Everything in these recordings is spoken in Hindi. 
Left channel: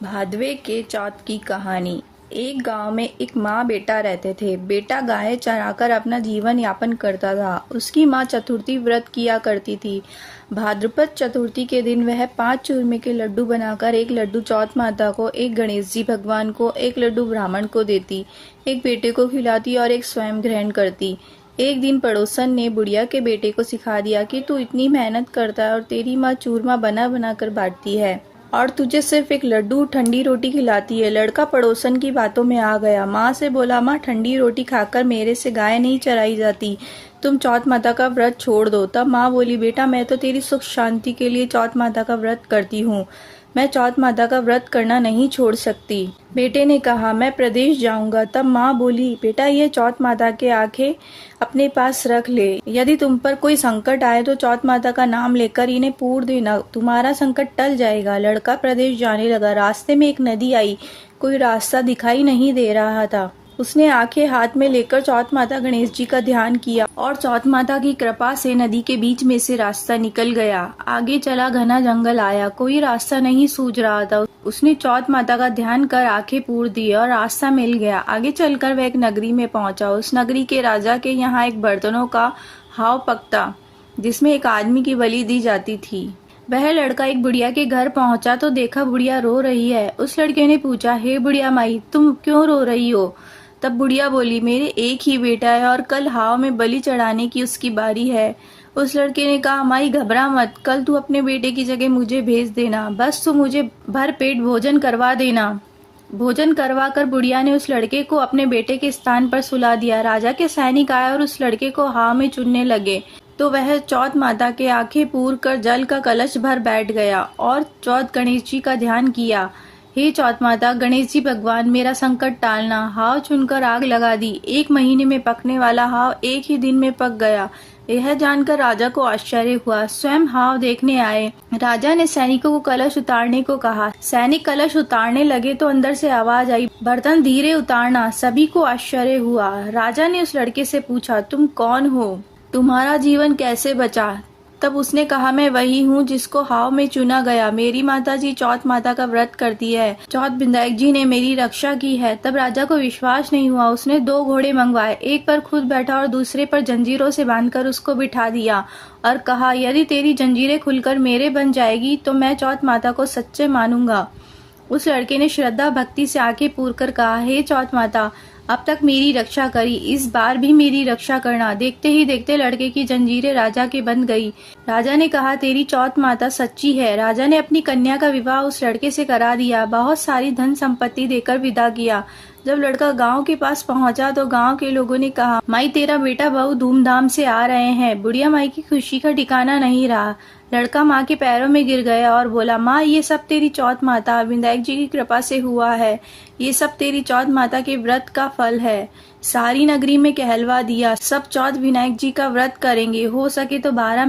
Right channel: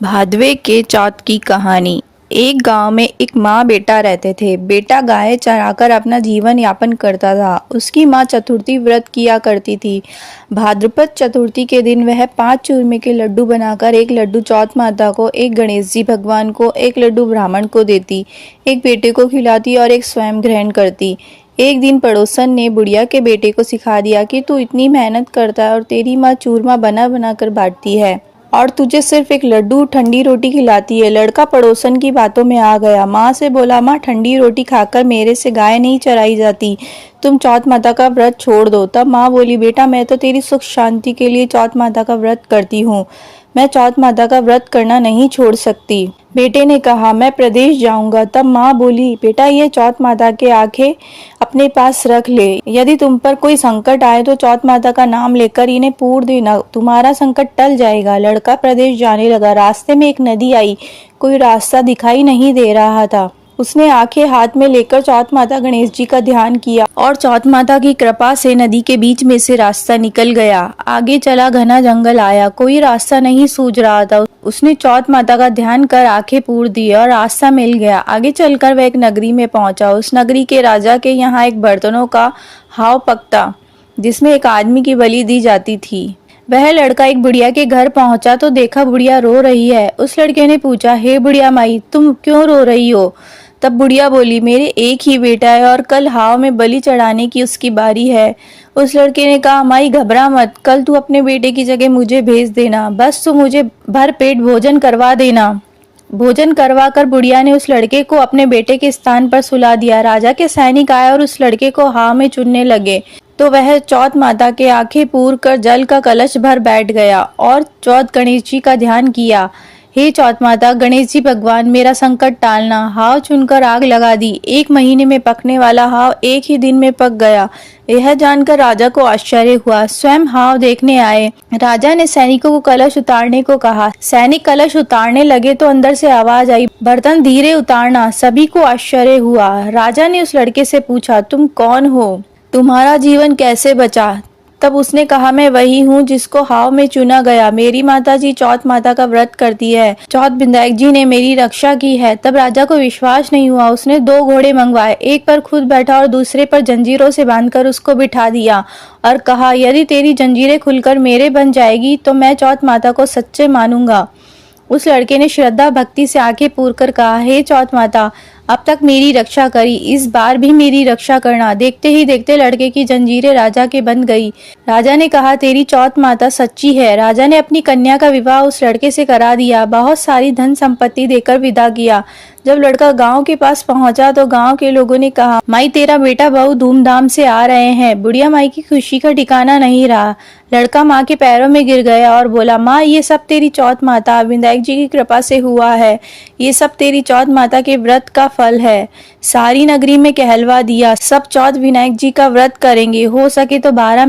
भादवे के चौथ की कहानी। एक गांव में एक माँ बेटा रहते थे। बेटा गाय चराकर अपना जीवन यापन करता था। उसकी माँ चतुर्थी व्रत किया करती थी। भाद्रपद चतुर्थी के दिन वह 5 चूरमे के लड्डू बनाकर एक लड्डू चौथ माता को, एक गणेश जी भगवान को, एक लड्डू ब्राह्मण को देती, एक बेटे को खिलाती और एक स्वयं ग्रहण करती। एक दिन पड़ोसन ने बुढ़िया के बेटे को सिखा दिया कि तू इतनी मेहनत करता है और तेरी माँ चूरमा बना बना कर बांटती है और तुझे सिर्फ एक लड्डू ठंडी रोटी खिलाती है। लड़का पड़ोसन की बातों में आ गया। माँ से बोला, माँ ठंडी रोटी खाकर मेरे से गाय नहीं चराई जाती, तुम चौथ माता का व्रत छोड़ दो। तब माँ बोली, बेटा मैं तो तेरी सुख शांति के लिए चौथ माता का व्रत करती हूँ, मैं चौथ माता का व्रत करना नहीं छोड़ सकती। बेटे ने कहा, मैं प्रदेश जाऊंगा। तब माँ बोली, बेटा ये चौथ माता के आंखें अपने पास रख ले, यदि तुम पर कोई संकट आए तो चौथ माता का नाम लेकर इन्हें पूर देना, तुम्हारा संकट टल जाएगा। लड़का प्रदेश जाने लगा। रास्ते में एक नदी आई। कोई रास्ता दिखाई नहीं दे रहा था। उसने आंखें हाथ में लेकर चौथ माता गणेश जी का ध्यान किया और चौथ माता की कृपा से नदी के बीच में से रास्ता निकल गया। आगे चला, घना जंगल आया, कोई रास्ता नहीं सूझ रहा था। उसने चौथ माता का ध्यान कर आंखें पूर दी और रास्ता मिल गया। आगे चलकर वह एक नगरी में पहुंचा। उस नगरी के राजा के यहाँ एक बर्तनों का हाव पकता, जिसमें एक आदमी की बलि दी जाती थी। वह लड़का एक बुढ़िया के घर पहुंचा तो देखा बुढ़िया रो रही है। उस लड़के ने पूछा, हे बुढ़िया माई, तुम क्यों रो रही हो? तब बुढ़िया बोली, मेरे एक ही बेटा है और कल हाव में बलि चढ़ाने की उसकी बारी है। उस लड़के ने कहा, माई घबरा मत, कल तू अपने बेटे की जगह मुझे भेज देना, बस तू मुझे भर पेट भोजन करवा देना। भोजन करवा कर बुढ़िया ने उस लड़के को अपने बेटे के स्थान पर सुला दिया। राजा के सैनिक आए और उस लड़के को हाव में चुनने लगे तो वह चौथ माता के आंखें पूर कर जल का कलश भर बैठ गया और चौथ गणेश जी का ध्यान किया। हे चौथ माता, गणेश जी भगवान, मेरा संकट टालना। हाव चुनकर आग लगा दी। 1 महीने में पकने वाला हाव 1 ही दिन में पक गया। यह जानकर राजा को आश्चर्य हुआ। स्वयं हाव देखने आए। राजा ने सैनिकों को कलश उतारने को कहा। सैनिक कलश उतारने लगे तो अंदर से आवाज आई, बर्तन धीरे उतारना। सभी को आश्चर्य हुआ। राजा ने उस लड़के से पूछा, तुम कौन हो? तुम्हारा जीवन कैसे बचा? तब उसने कहा, मैं वही हूँ जिसको हाव में चुना गया। मेरी माता जी चौथ माता का व्रत करती है, चौथ विनायक जी ने मेरी रक्षा की है। तब राजा को विश्वास नहीं हुआ। उसने 2 घोड़े मंगवाए, एक पर खुद बैठा और दूसरे पर जंजीरों से बांधकर उसको बिठा दिया और कहा, यदि तेरी जंजीरें खुलकर मेरे बन जाएगी तो मैं चौथ माता को सच्चे मानूंगा। उस लड़के ने श्रद्धा भक्ति से आंखें पूर कर कहा, हे चौथ माता, अब तक मेरी रक्षा करी, इस बार भी मेरी रक्षा करना। देखते ही देखते लड़के की जंजीरें राजा के बंध गई। राजा ने कहा, तेरी चौथ माता सच्ची है। राजा ने अपनी कन्या का विवाह उस लड़के से करा दिया, बहुत सारी धन संपत्ति देकर विदा किया। जब लड़का गांव के पास पहुंचा तो गांव के लोगों ने कहा, माई तेरा बेटा बहुत धूमधाम से आ रहे हैं। बुढ़िया माई की खुशी का ठिकाना नहीं रहा। लड़का माँ के पैरों में गिर गया और बोला, माँ ये सब तेरी चौथ माता विनायक जी की कृपा से हुआ है, ये सब तेरी चौथ माता के व्रत का फल है। सारी नगरी में कहलवा दिया, सब चौथ विनायक जी का व्रत करेंगे। हो सके तो 12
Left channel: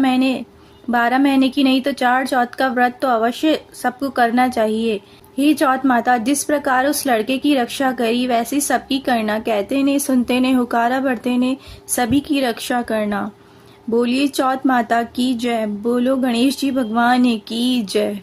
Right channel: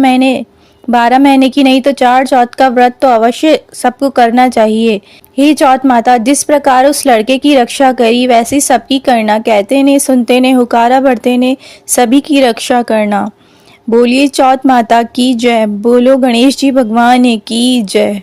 महीने की नहीं तो 4 चौथ का व्रत तो अवश्य सबको करना चाहिए। हे चौथ माता, जिस प्रकार उस लड़के की रक्षा करी वैसी सबकी करना। कहते ने सुनते ने हुकारा भरते ने सभी की रक्षा करना। बोलिए चौथ माता की जय। बोलो गणेश जी भगवान की जय।